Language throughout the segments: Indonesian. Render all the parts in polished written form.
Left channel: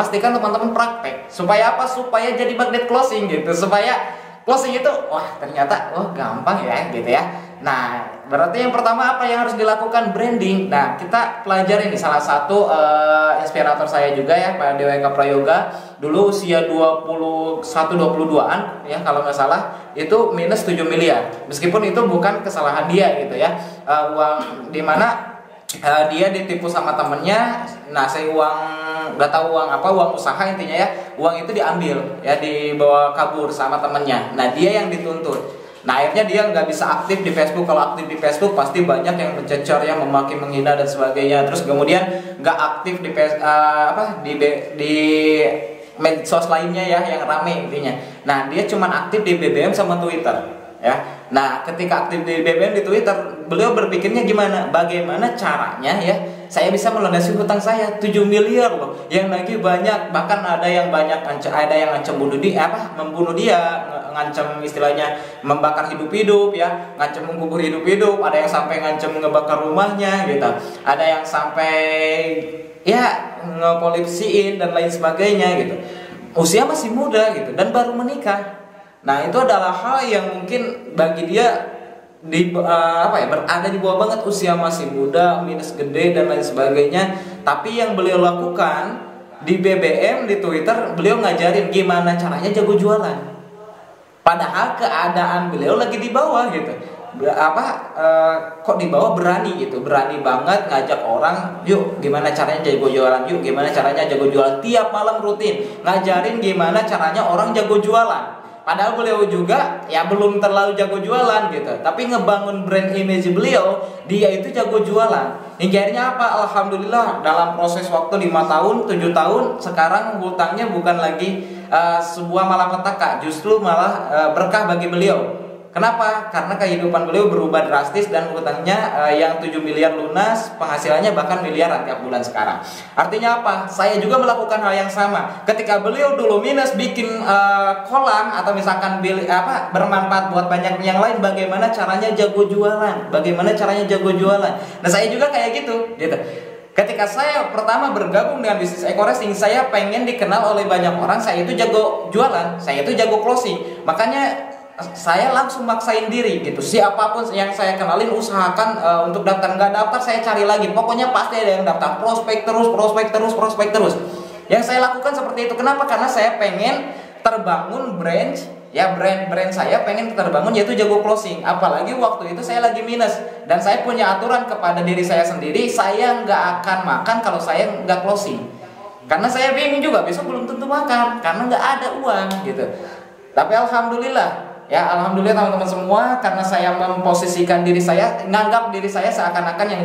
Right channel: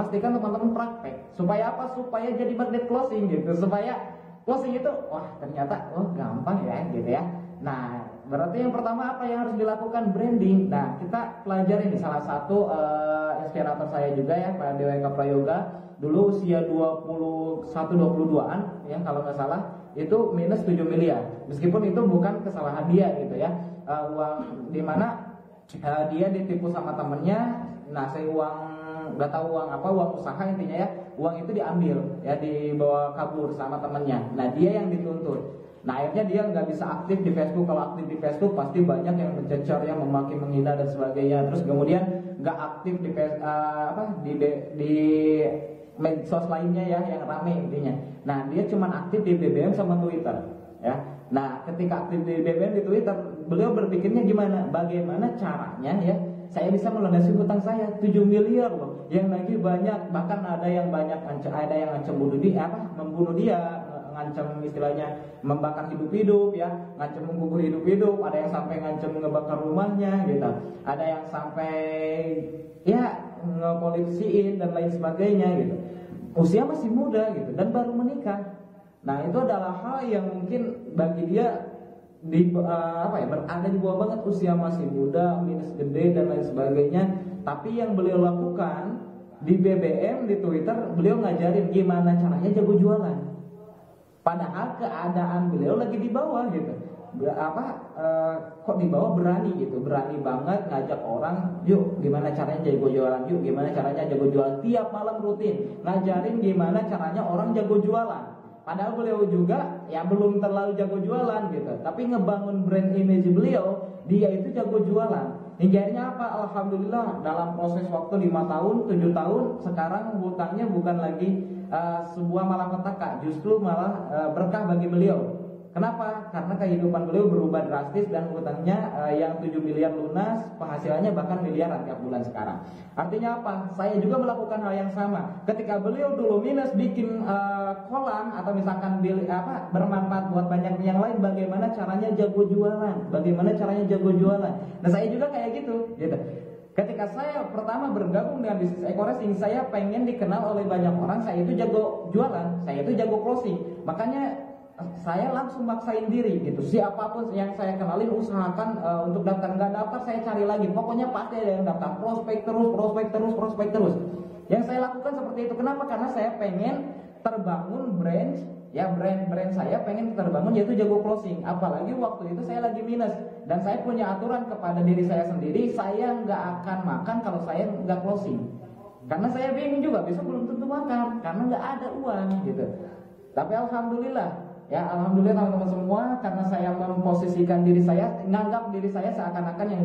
pastikan teman-teman praktek. Supaya apa? Supaya jadi magnet closing gitu. Supaya closing itu wah ternyata gampang ya gitu ya. Nah, berarti yang pertama apa yang harus dilakukan? Branding. Nah, kita pelajari nih salah satu inspirator saya juga ya, Pak Dewa Eka Prayoga. Dulu usia 21-22an ya kalau nggak salah, itu minus 7 miliar. Meskipun itu bukan kesalahan dia gitu ya. Uang di mana dia ditipu sama temennya. Nah, saya uang nggak tahu uang apa, uang usaha intinya ya, uang itu diambil ya, dibawa kabur sama temennya. Nah, dia yang dituntut. Nah, akhirnya dia nggak bisa aktif di Facebook. Kalau aktif di Facebook pasti banyak yang mencecar, yang memaki, menghina dan sebagainya. Terus kemudian nggak aktif di medsos lainnya ya yang rame intinya. Nah, dia cuma aktif di BBM sama Twitter ya. Nah, ketika aktif di BBM, di Twitter, beliau berpikirnya gimana? Bagaimana caranya ya saya bisa melunasi hutang saya 7 miliar loh. Yang lagi banyak, bahkan ada yang banyak ada yang ngancam membunuh dia, ngancam istilahnya membakar hidup-hidup ya, ngancam mengubur hidup-hidup, ada yang sampai ngancam ngebakar rumahnya gitu. Ada yang sampai ya ngepolisiin dan lain sebagainya gitu. Usia masih muda gitu dan baru menikah. Nah, itu adalah hal yang mungkin bagi dia berada di bawah banget, usia masih muda, minus gede dan lain sebagainya. Tapi yang beliau lakukan di BBM, di Twitter, beliau ngajarin gimana caranya jago jualan. Padahal keadaan beliau lagi di bawah gitu. Kok di bawah berani gitu, berani banget ngajak orang, yuk gimana caranya jago jualan, yuk gimana caranya jago jualan, tiap malam rutin ngajarin gimana caranya orang jago jualan. Padahal beliau juga ya belum terlalu jago jualan gitu, tapi ngebangun brand image beliau, dia itu jago jualan. Hingga akhirnya apa? Alhamdulillah dalam proses waktu 5 tahun, 7 tahun, sekarang hutangnya bukan lagi sebuah malapetaka, justru malah berkah bagi beliau. Kenapa? Karena kehidupan beliau berubah drastis dan hutangnya yang 7 miliar lunas, penghasilannya bahkan miliaran tiap bulan sekarang. Artinya apa? Saya juga melakukan hal yang sama. Ketika beliau dulu minus bikin kolam atau misalkan bermanfaat buat banyak yang lain, bagaimana caranya jago jualan? Bagaimana caranya jago jualan? Nah, saya juga kayak gitu. Ketika saya pertama bergabung dengan bisnis EcoRacing, saya pengen dikenal oleh banyak orang, saya itu jago jualan, saya itu jago closing. Makanya saya langsung maksain diri gitu. Siapapun yang saya kenalin usahakan untuk daftar, nggak daftar saya cari lagi. Pokoknya pasti ada yang daftar, prospek terus. Yang saya lakukan seperti itu. Kenapa? Karena saya pengen terbangun brand ya, brand saya pengen terbangun yaitu jago closing. Apalagi waktu itu saya lagi minus dan saya punya aturan kepada diri saya sendiri, saya nggak akan makan kalau saya nggak closing. Karena saya bingung juga besok belum tentu makan karena nggak ada uang gitu. Tapi alhamdulillah ya, alhamdulillah teman-teman semua, karena saya memposisikan diri saya, nganggap diri saya seakan-akan yang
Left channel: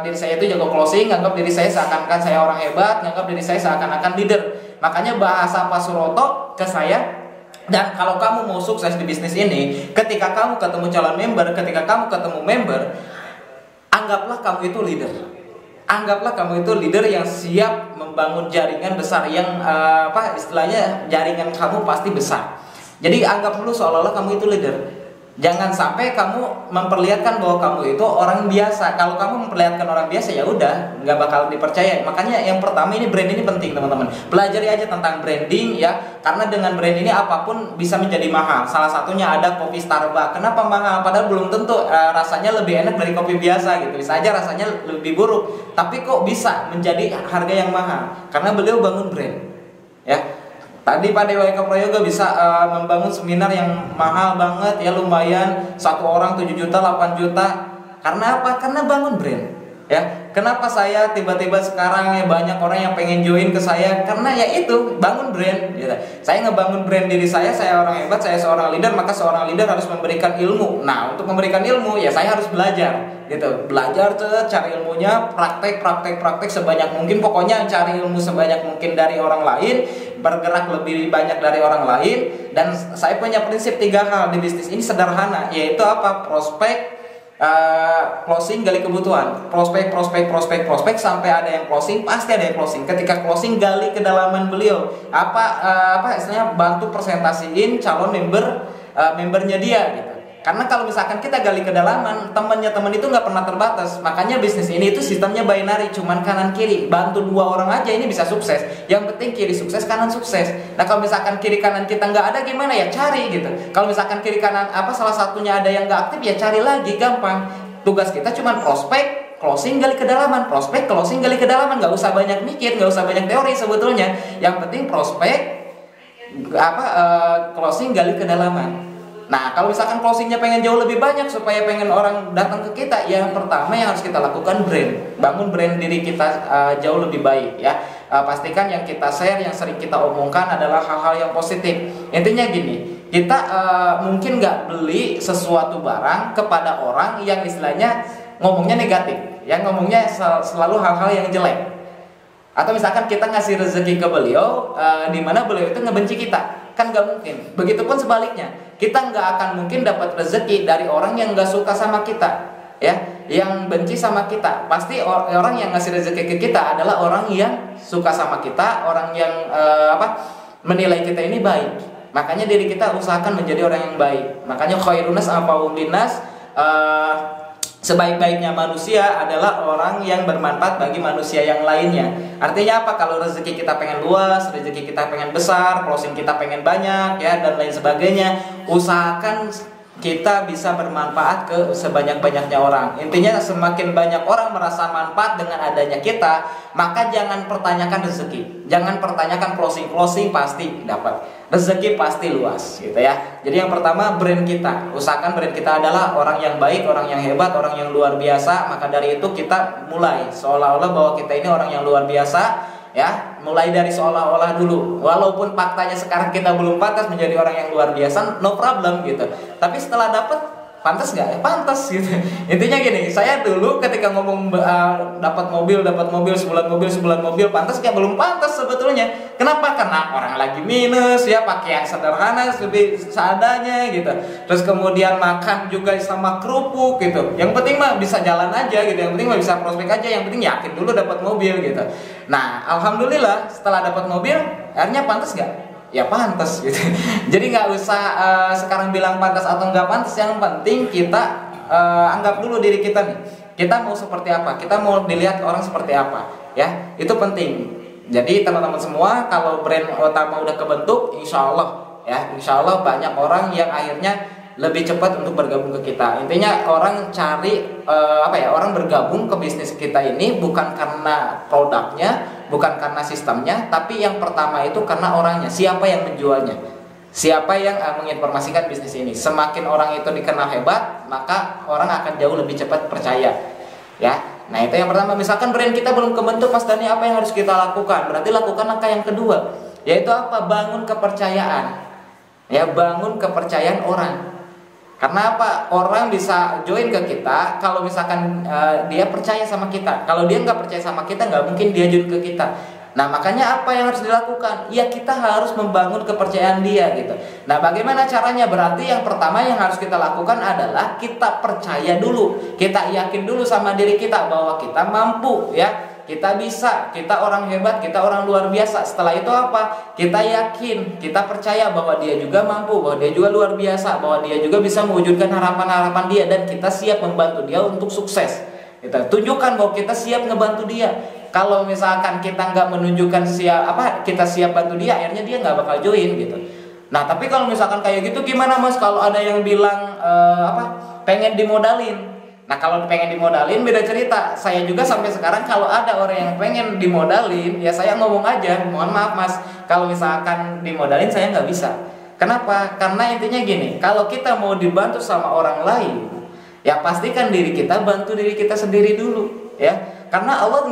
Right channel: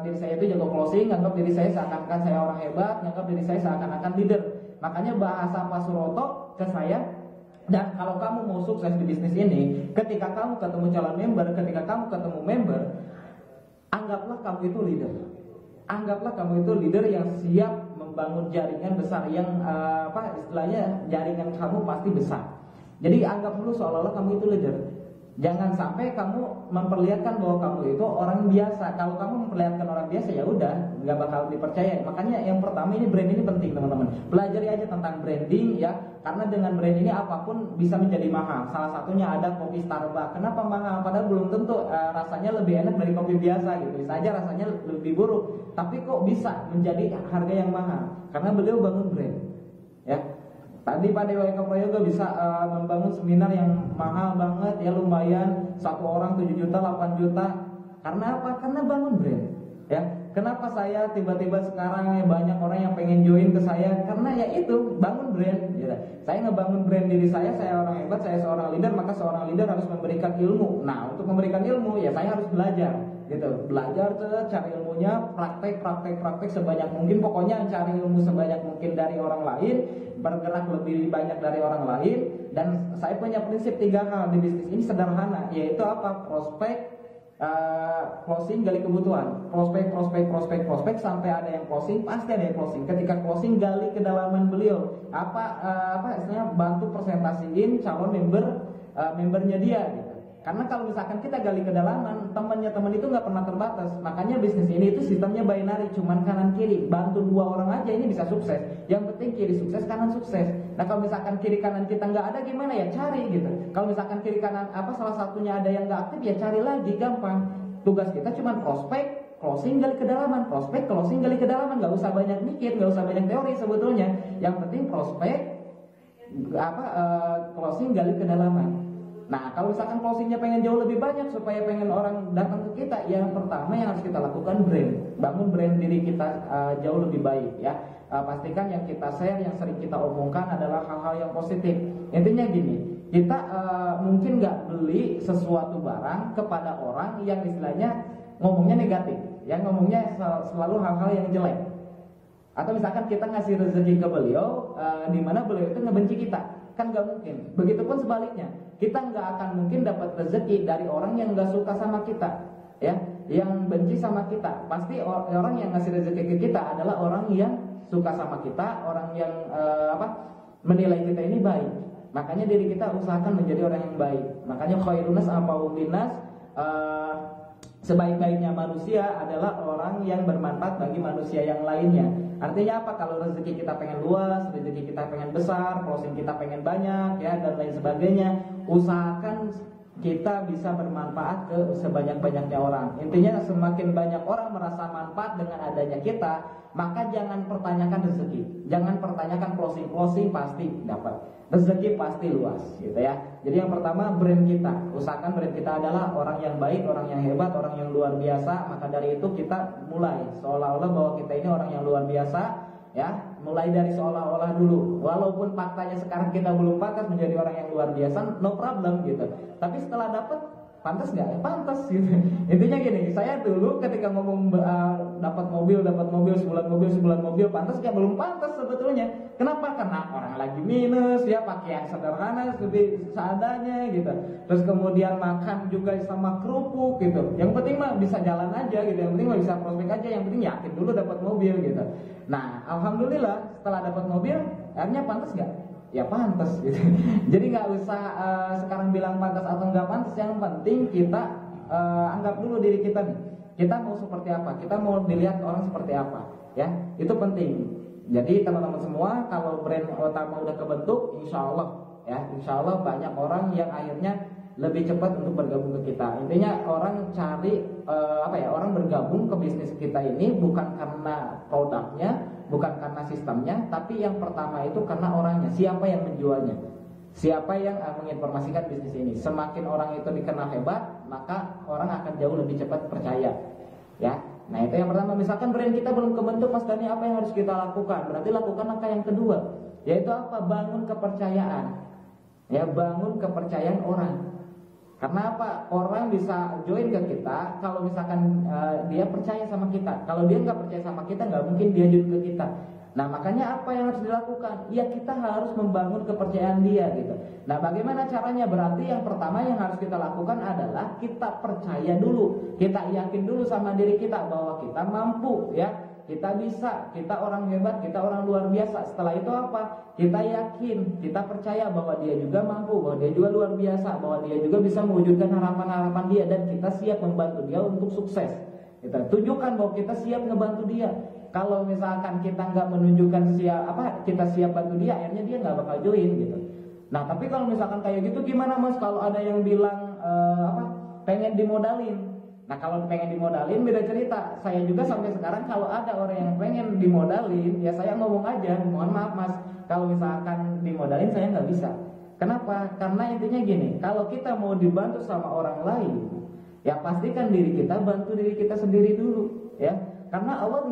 diri saya itu jago closing, nganggap diri saya seakan-akan saya orang hebat, nganggap diri saya seakan-akan leader. Makanya bahasa Pak Suroto ke saya, dan kalau kamu mau sukses di bisnis ini, ketika kamu ketemu calon member, ketika kamu ketemu member, anggaplah kamu itu leader. Anggaplah kamu itu leader yang siap membangun jaringan besar, yang istilahnya jaringan kamu pasti besar. Jadi anggap dulu seolah-olah kamu itu leader. Jangan sampai kamu memperlihatkan bahwa kamu itu orang biasa. Kalau kamu memperlihatkan orang biasa, ya udah nggak bakal dipercaya. Makanya yang pertama ini brand ini penting teman-teman. Pelajari aja tentang branding ya. Karena dengan brand ini apapun bisa menjadi mahal. Salah satunya ada kopi Starbucks. Kenapa mahal? Padahal belum tentu rasanya lebih enak dari kopi biasa gitu. Bisa aja rasanya lebih buruk. Tapi kok bisa menjadi harga yang mahal? Karena beliau bangun brand. Ya. Tadi Pak Dewa Eka Prayoga bisa membangun seminar yang mahal banget ya, lumayan, satu orang 7 juta, 8 juta. Karena apa? Karena bangun brand ya. Kenapa saya tiba-tiba sekarang ya banyak orang yang pengen join ke saya? Karena ya itu, bangun brand gitu. Saya ngebangun brand diri saya orang hebat, saya seorang leader, maka seorang leader harus memberikan ilmu. Nah, untuk memberikan ilmu ya saya harus belajar gitu. Belajar tuh, cari ilmunya, praktek sebanyak mungkin. Pokoknya cari ilmu sebanyak mungkin dari orang lain, bergerak lebih banyak dari orang lain. Dan saya punya prinsip 3 hal di bisnis ini sederhana, yaitu apa? Prospek, closing, gali kebutuhan. Prospek sampai ada yang closing, pasti ada yang closing. Ketika closing, gali kedalaman beliau. Istilahnya bantu presentasiin calon membernya dia gitu. Karena kalau misalkan kita gali kedalaman, temannya teman itu nggak pernah terbatas. Makanya bisnis ini itu sistemnya binary, cuman kanan kiri. Bantu 2 orang aja ini bisa sukses. Yang penting kiri sukses, kanan sukses. Nah kalau misalkan kiri kanan kita nggak ada gimana ya, cari gitu. Kalau misalkan kiri kanan salah satunya ada yang nggak aktif ya cari lagi, gampang. Tugas kita cuman prospek, closing, gali kedalaman, prospek, closing, gali kedalaman. Nggak usah banyak mikir, nggak usah banyak teori sebetulnya. Yang penting prospek, closing, gali kedalaman. Nah, kalau misalkan closingnya pengen jauh lebih banyak supaya pengen orang datang ke kita, yang pertama yang harus kita lakukan brand, bangun brand diri kita jauh lebih baik ya. Pastikan yang kita share, yang sering kita omongkan adalah hal-hal yang positif. Intinya gini, kita mungkin nggak beli sesuatu barang kepada orang yang istilahnya ngomongnya negatif, yang ngomongnya selalu hal-hal yang jelek. Atau misalkan kita ngasih rezeki ke beliau, di mana beliau itu ngebenci kita. Kan nggak mungkin. Begitupun sebaliknya, kita nggak akan mungkin dapat rezeki dari orang yang nggak suka sama kita, ya, yang benci sama kita. Pasti orang yang ngasih rezeki ke kita adalah orang yang suka sama kita, orang yang menilai kita ini baik. Makanya diri kita usahakan menjadi orang yang baik. Makanya khairunas anfa'uhum linnas, sebaik-baiknya manusia adalah orang yang bermanfaat bagi manusia yang lainnya. Artinya apa? Kalau rezeki kita pengen luas, rezeki kita pengen besar, closing kita pengen banyak ya, dan lain sebagainya, usahakan kita bisa bermanfaat ke sebanyak-banyaknya orang. Intinya semakin banyak orang merasa manfaat dengan adanya kita, maka jangan pertanyakan rezeki, jangan pertanyakan closing pasti dapat, rezeki pasti luas gitu ya. Jadi yang pertama brand kita, usahakan brand kita adalah orang yang baik, orang yang hebat, orang yang luar biasa. Maka dari itu kita mulai seolah-olah bahwa kita ini orang yang luar biasa ya, mulai dari seolah-olah dulu. Walaupun faktanya sekarang kita belum pantas menjadi orang yang luar biasa, no problem gitu. Tapi setelah dapet, pantas nggak ya? Pantas gitu. Intinya gini, saya dulu ketika ngomong dapat mobil sebulan mobil, pantas nggak? Belum pantas sebetulnya. Kenapa? Karena orang lagi minus ya, pakaian sederhana lebih seadanya gitu. Terus kemudian makan juga sama kerupuk gitu. Yang penting mah bisa jalan aja gitu. Yang penting mah bisa prospek aja. Yang penting yakin dulu dapat mobil gitu. Nah, alhamdulillah setelah dapat mobil, akhirnya pantas nggak? Ya pantas gitu. Jadi nggak usah sekarang bilang pantas atau nggak pantas. Yang penting kita anggap dulu diri kita nih. Kita mau seperti apa? Kita mau dilihat orang seperti apa? Ya, itu penting. Jadi teman-teman semua, kalau brand utama udah kebentuk, insya Allah banyak orang yang akhirnya lebih cepat untuk bergabung ke kita. Intinya orang cari orang bergabung ke bisnis kita ini bukan karena produknya, bukan karena sistemnya, tapi yang pertama itu karena orangnya, siapa yang menjualnya, siapa yang menginformasikan bisnis ini. Semakin orang itu dikenal hebat, maka orang akan jauh lebih cepat percaya ya. Nah itu yang pertama. Misalkan brand kita belum kebentuk, Mas Dani, apa yang harus kita lakukan? Berarti lakukan langkah yang kedua, yaitu apa? Bangun kepercayaan ya, bangun kepercayaan orang. Karena apa? Orang bisa join ke kita kalau misalkan dia percaya sama kita. Kalau dia nggak percaya sama kita, nggak mungkin dia join ke kita. Nah makanya apa yang harus dilakukan? Ya kita harus membangun kepercayaan dia gitu. Nah bagaimana caranya? Berarti yang pertama yang harus kita lakukan adalah kita percaya dulu, kita yakin dulu sama diri kita bahwa kita mampu ya, kita bisa, kita orang hebat, kita orang luar biasa. Setelah itu apa? Kita yakin, kita percaya bahwa dia juga mampu, bahwa dia juga luar biasa, bahwa dia juga bisa mewujudkan harapan-harapan dia, dan kita siap membantu dia untuk sukses. Kita tunjukkan bahwa kita siap ngebantu dia. Kalau misalkan kita nggak menunjukkan kita siap bantu dia, akhirnya dia nggak bakal join gitu. Nah tapi kalau misalkan kayak gitu gimana Mas? Kalau ada yang bilang pengen dimodalin. Nah kalau pengen dimodalin beda cerita. Saya juga sampai sekarang kalau ada orang yang pengen dimodalin, ya saya ngomong aja, mohon maaf Mas, kalau misalkan dimodalin saya nggak bisa. Kenapa? Karena intinya gini, kalau kita mau dibantu sama orang lain, ya pastikan diri kita bantu diri kita sendiri dulu ya. Karena Allah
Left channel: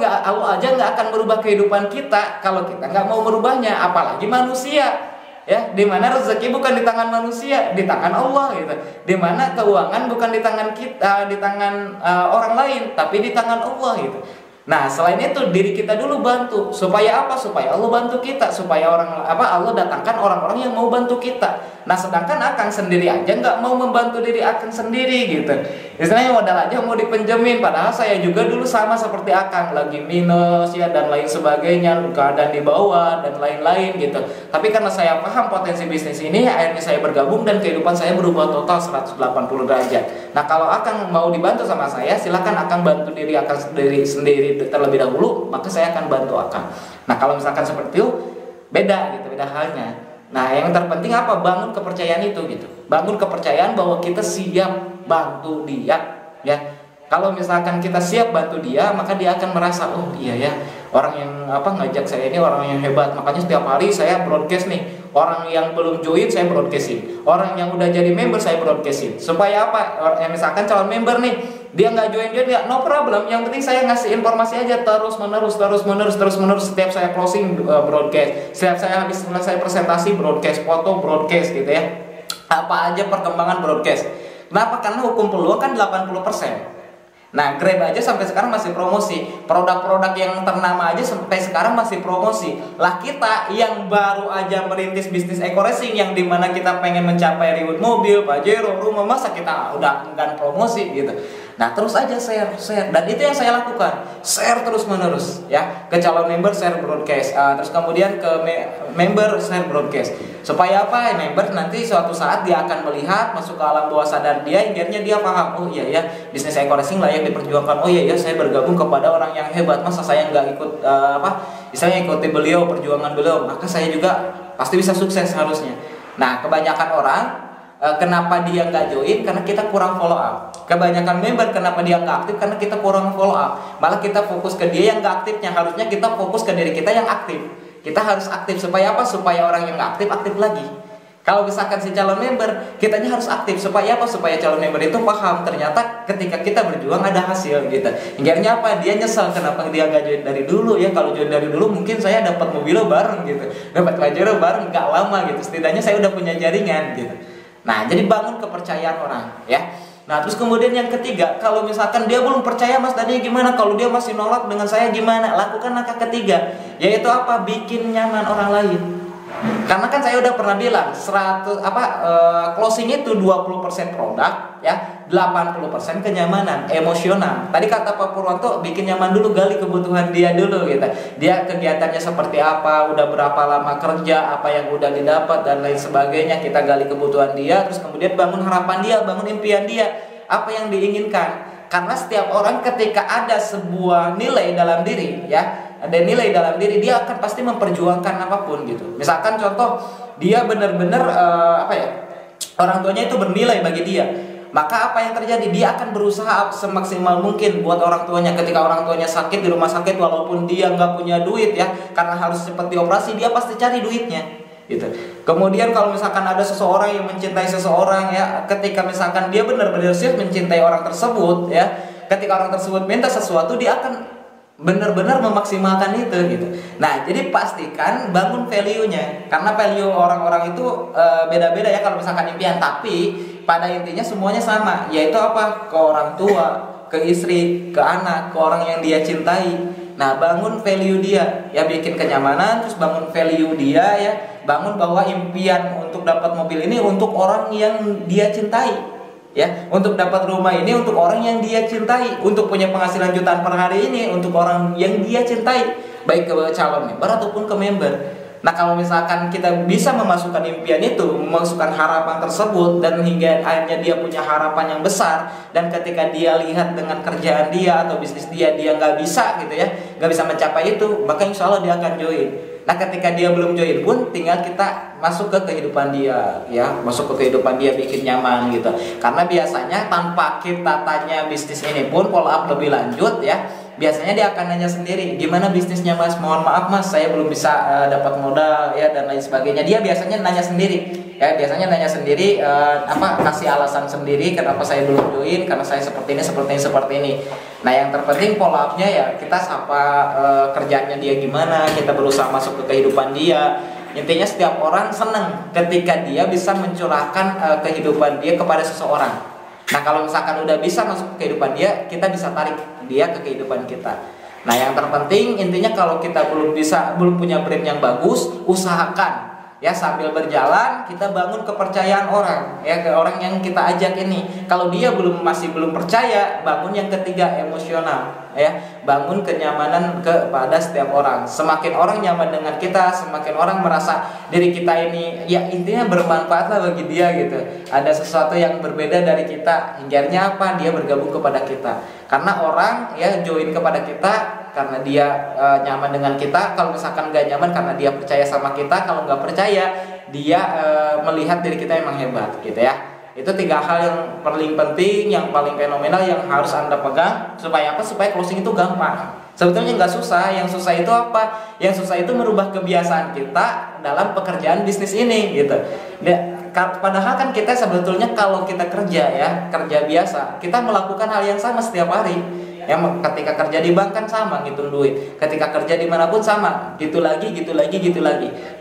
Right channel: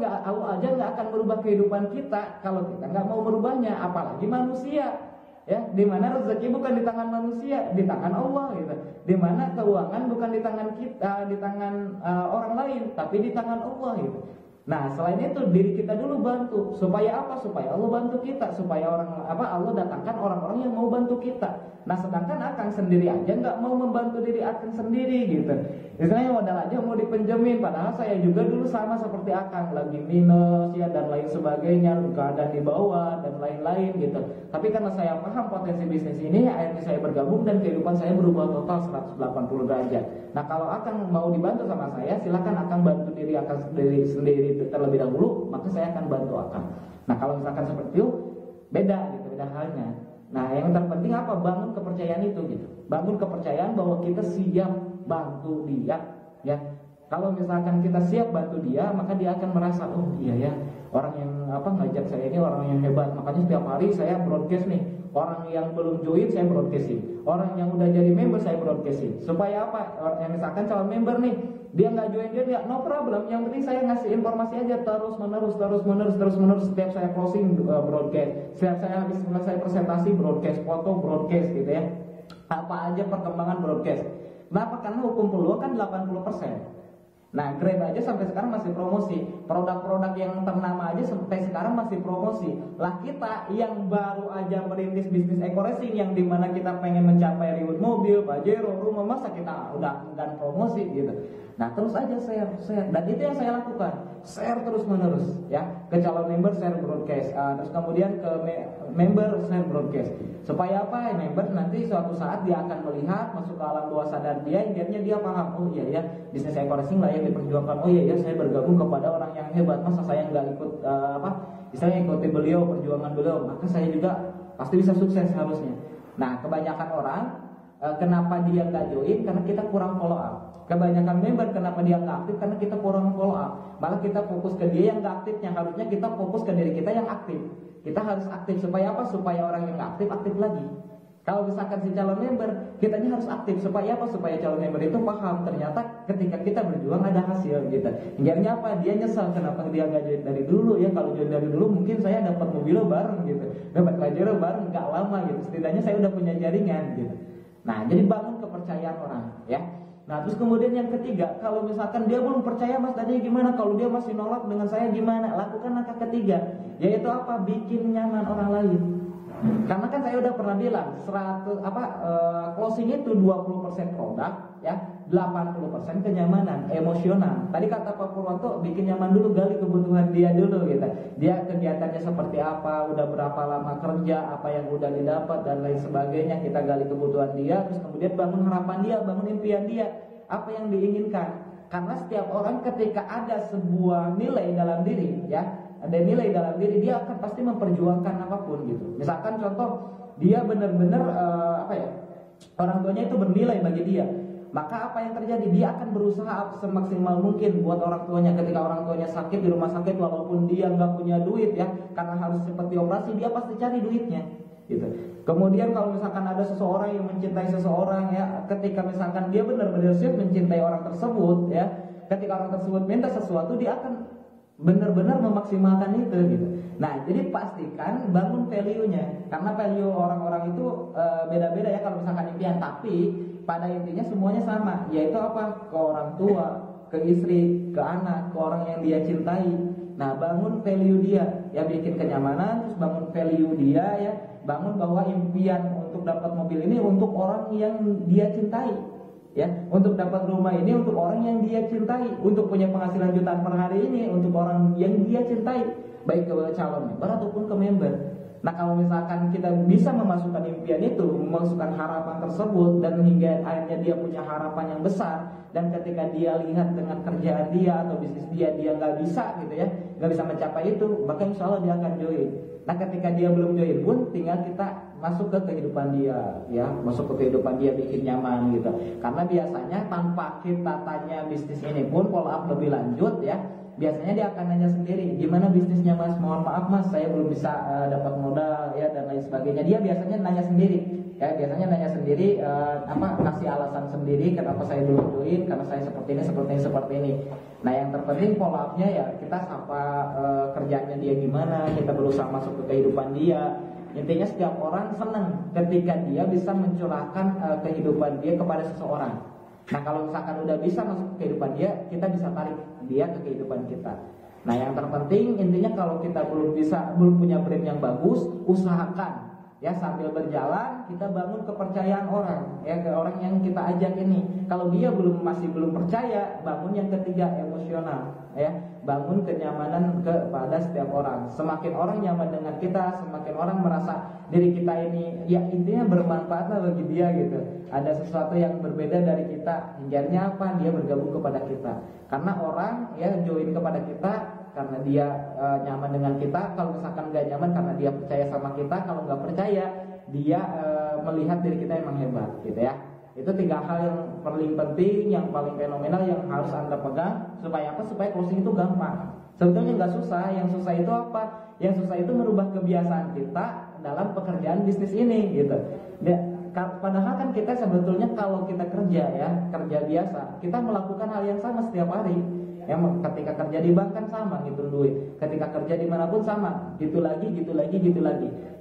aja nggak akan merubah kehidupan kita kalau kita nggak mau merubahnya, apalagi manusia ya. Dimana rezeki bukan di tangan manusia, di tangan Allah gitu. Dimana keuangan bukan di tangan kita, di tangan orang lain, tapi di tangan Allah gitu. Nah, selain itu diri kita dulu bantu supaya apa? Supaya Allah bantu kita, supaya Allah datangkan orang-orang yang mau bantu kita. Nah, sedangkan Akang sendiri aja nggak mau membantu diri Akang sendiri gitu. Istilahnya modal aja mau dipinjemin, padahal saya juga dulu sama seperti Akang, lagi minus ya dan lain sebagainya, keadaan di bawah dan lain-lain gitu. Tapi karena saya paham potensi bisnis ini, akhirnya saya bergabung dan kehidupan saya berubah total 180 derajat. Nah, kalau Akang mau dibantu sama saya, silakan Akang bantu diri Akang sendiri terlebih dahulu, maka saya akan bantu Akang. Nah, kalau misalkan seperti itu beda gitu, beda halnya. Nah, yang terpenting apa? Bangun kepercayaan itu gitu. Bangun kepercayaan bahwa kita siap bantu dia ya. Kalau misalkan kita siap bantu dia, maka dia akan merasa, oh iya ya, orang yang ngajak saya ini orang yang hebat. Makanya setiap hari saya broadcast nih. Orang yang belum join saya broadcastin. Orang yang udah jadi member saya broadcastin. Supaya apa? Misalkan calon member nih, dia nggak join ya, no problem. Yang penting saya ngasih informasi aja terus menerus. Setiap saya closing broadcast, setiap saya habis selesai presentasi broadcast, foto broadcast gitu ya. Apa aja perkembangan broadcast. Kenapa? Karena hukum peluang kan 80%. Nah, Grab aja sampai sekarang masih promosi. Produk-produk yang ternama aja sampai sekarang masih promosi. Lah kita yang baru aja merintis bisnis eco racing, yang dimana kita pengen mencapai reward mobil, Pajero, rumah, masa kita udah enggan promosi gitu. Nah, terus aja share. Dan itu yang saya lakukan. Share terus menerus ya. Ke calon member share broadcast. Terus kemudian ke member share broadcast. Supaya apa? Member nanti suatu saat dia akan melihat, masuk ke alam bawah sadar dia, akhirnya dia paham, oh iya ya, bisnis eco racing layak diperjuangkan. Oh iya ya, saya bergabung kepada orang yang hebat, masa saya nggak ikut misalnya ikuti beliau, perjuangan beliau, maka saya juga pasti bisa sukses harusnya. Nah, kebanyakan orang kenapa dia nggak join? Karena kita kurang follow up. Kebanyakan member kenapa dia nggak aktif? Karena kita kurang follow up. Malah kita fokus ke dia yang nggak aktifnya. Harusnya kita fokus ke diri kita yang aktif. Kita harus aktif supaya apa? Supaya orang yang nggak aktif lagi. Kalau misalkan si calon member, kitanya harus aktif supaya apa? Supaya calon member itu paham ternyata ketika kita berjuang ada hasil gitu. Akhirnya apa? Dia nyesal kenapa dia nggak join dari dulu ya. Kalau join dari dulu mungkin saya dapat mobil bareng gitu, dapat Pajero bareng, nggak lama gitu. Setidaknya saya udah punya jaringan gitu. Nah, jadi bangun kepercayaan orang ya. Nah, terus kemudian yang ketiga, kalau misalkan dia belum percaya Mas Dani gimana? Kalau dia masih nolak dengan saya gimana? Lakukan langkah ketiga, yaitu apa? Bikin nyaman orang lain. Karena kan saya udah pernah bilang closing itu 20% produk ya, 80% kenyamanan emosional. Tadi kata Pak Purwanto, bikin nyaman dulu, gali kebutuhan dia dulu gitu. Dia kegiatannya seperti apa, udah berapa lama kerja, apa yang udah didapat dan lain sebagainya. Kita gali kebutuhan dia, terus kemudian bangun harapan dia, bangun impian dia, apa yang diinginkan. Karena setiap orang ketika ada sebuah nilai dalam diri ya, ada nilai dalam diri, dia akan pasti memperjuangkan apapun gitu. Misalkan contoh, dia benar-benar orang tuanya itu bernilai bagi dia, maka apa yang terjadi? Dia akan berusaha semaksimal mungkin buat orang tuanya. Ketika orang tuanya sakit di rumah sakit, walaupun dia nggak punya duit ya, karena harus cepat dioperasi, dia pasti cari duitnya gitu. Kemudian kalau misalkan ada seseorang yang mencintai seseorang ya, ketika misalkan dia benar-benar serius mencintai orang tersebut ya, ketika orang tersebut minta sesuatu, dia akan benar-benar memaksimalkan itu gitu. Nah, jadi pastikan bangun value-nya, karena value orang-orang itu beda-beda ya kalau misalkan impian, tapi pada intinya semuanya sama, yaitu apa? Ke orang tua, ke istri, ke anak, ke orang yang dia cintai. Nah, bangun value dia, ya bikin kenyamanan, terus bangun value dia ya, bangun bahwa impian untuk dapat mobil ini untuk orang yang dia cintai. Ya, untuk dapat rumah ini untuk orang yang dia cintai, untuk punya penghasilan jutaan per hari ini untuk orang yang dia cintai, baik ke calon member ataupun ke member. Nah, kalau misalkan kita bisa memasukkan impian itu, memasukkan harapan tersebut, dan hingga akhirnya dia punya harapan yang besar, dan ketika dia lihat dengan kerjaan dia atau bisnis dia nggak bisa gitu ya, nggak bisa mencapai itu, maka insya Allah dia akan join. Nah, ketika dia belum join pun tinggal kita masuk ke kehidupan dia ya, masuk ke kehidupan dia, bikin nyaman gitu. Karena biasanya tanpa kita tanya bisnis ini pun follow up lebih lanjut ya, biasanya dia akan nanya sendiri, gimana bisnisnya Mas, mohon maaf Mas, saya belum bisa dapat modal ya dan lain sebagainya. Dia biasanya nanya sendiri ya, kasih alasan sendiri kenapa saya belum join, karena saya seperti ini. Nah, yang terpenting follow up-nya ya, kita sapa kerjaannya dia gimana, kita berusaha masuk ke kehidupan dia. Intinya setiap orang senang ketika dia bisa mencurahkan kehidupan dia kepada seseorang. Nah, kalau misalkan udah bisa masuk ke kehidupan dia, kita bisa tarik dia ke kehidupan kita. Nah, yang terpenting intinya kalau kita belum punya brand yang bagus, usahakan ya sambil berjalan kita bangun kepercayaan orang ya ke orang yang kita ajak ini. Kalau dia masih belum percaya, bangun yang ketiga, emosional ya, bangun kenyamanan kepada setiap orang. Semakin orang nyaman dengan kita, semakin orang merasa diri kita ini ya intinya bermanfaat lah bagi dia gitu. Ada sesuatu yang berbeda dari kita, hingganya apa? Dia bergabung kepada kita. Karena orang ya join kepada kita karena dia nyaman dengan kita. Kalau misalkan gak nyaman karena dia percaya sama kita. Kalau nggak percaya dia melihat diri kita emang hebat gitu ya. Itu 3 hal yang paling penting, yang paling fenomenal yang harus Anda pegang. Supaya apa? Supaya closing itu gampang. Sebetulnya nggak susah. Yang susah itu apa? Yang susah itu merubah kebiasaan kita dalam pekerjaan bisnis ini gitu. Padahal kan kita sebetulnya kalau kita kerja ya, kerja biasa, kita melakukan hal yang sama setiap hari. Yang ketika kerja di bank kan sama ngitung duit, ketika kerja dimanapun sama, gitu lagi.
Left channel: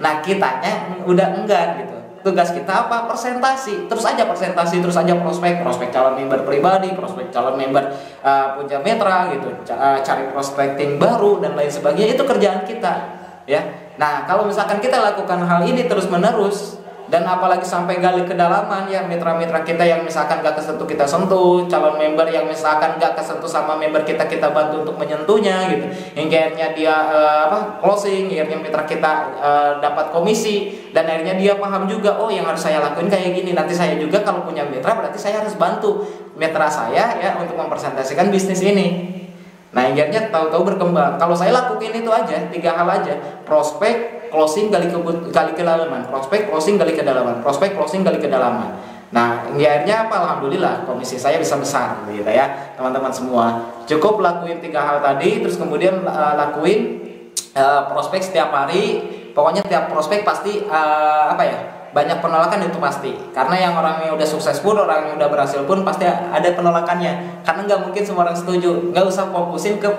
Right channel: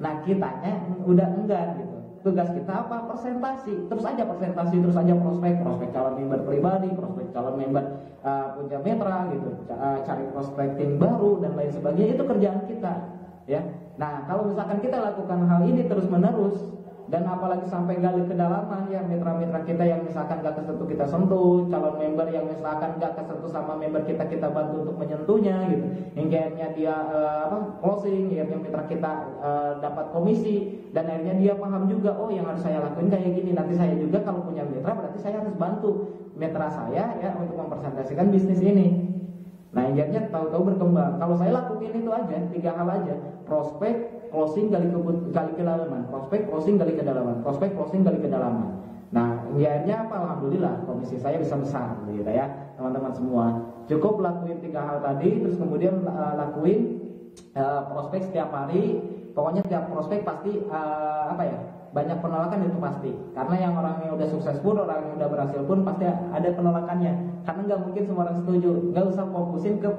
Nah kitanya udah enggak gitu. Tugas kita apa? Presentasi, terus aja prospek calon member pribadi, prospek calon member punya mitra gitu, cari prospecting baru dan lain sebagainya. Itu kerjaan kita ya. Nah kalau misalkan kita lakukan hal ini terus menerus, dan apalagi sampai gali kedalaman ya, mitra-mitra kita yang misalkan gak kesentuh kita sentuh, calon member yang misalkan gak kesentuh sama member kita bantu untuk menyentuhnya gitu, hingga akhirnya dia closing, akhirnya mitra kita dapat komisi, dan akhirnya dia paham juga, oh yang harus saya lakuin kayak gini, nanti saya juga kalau punya mitra berarti saya harus bantu mitra saya ya untuk mempresentasikan bisnis ini. Nah akhirnya tahu-tahu berkembang. Kalau saya lakuin itu aja, 3 hal aja: prospek, closing, gali kedalaman, prospek, closing, gali kedalaman, prospek, closing, gali kedalaman. Nah akhirnya apa? Alhamdulillah komisi saya bisa besar gitu ya teman-teman semua. Cukup lakuin 3 hal tadi, terus kemudian lakuin prospek setiap hari. Pokoknya tiap prospek pasti banyak penolakan, itu pasti. Karena yang orang yang udah sukses pun, orang yang udah berhasil pun pasti ada penolakannya. Karena nggak mungkin semua orang setuju. Nggak usah fokusin ke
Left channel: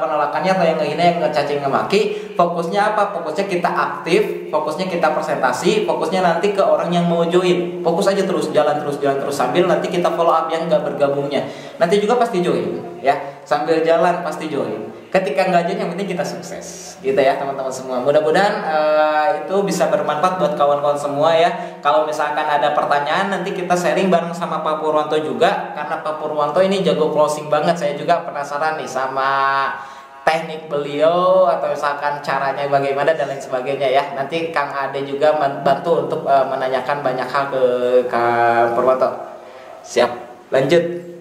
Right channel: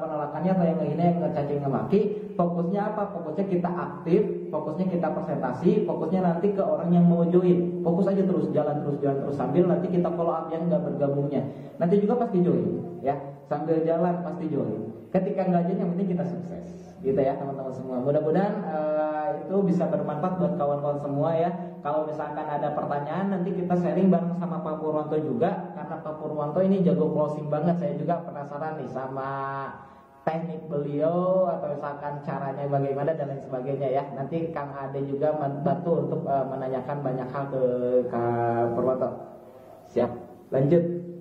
penolakannya atau yang ngehina, yang ngecacing, ngemaki. Fokusnya apa? Fokusnya kita aktif, fokusnya kita presentasi, fokusnya nanti ke orang yang mau join. Fokus aja terus, jalan terus sambil nanti kita follow up yang nggak bergabungnya. Nanti juga pasti join ya. Sambil jalan pasti join. Ketika nggak join, yang penting kita sukses gitu ya teman-teman semua. Mudah-mudahan itu bisa bermanfaat buat kawan-kawan semua ya. Kalau misalkan ada pertanyaan, nanti kita sharing bareng sama Pak Purwanto juga, karena Pak Purwanto ini jago closing banget. Saya juga penasaran nih sama teknik beliau, atau misalkan caranya bagaimana dan lain sebagainya ya. Nanti Kang Ade juga bantu untuk menanyakan banyak hal ke Kang Purwanto. Siap, lanjut.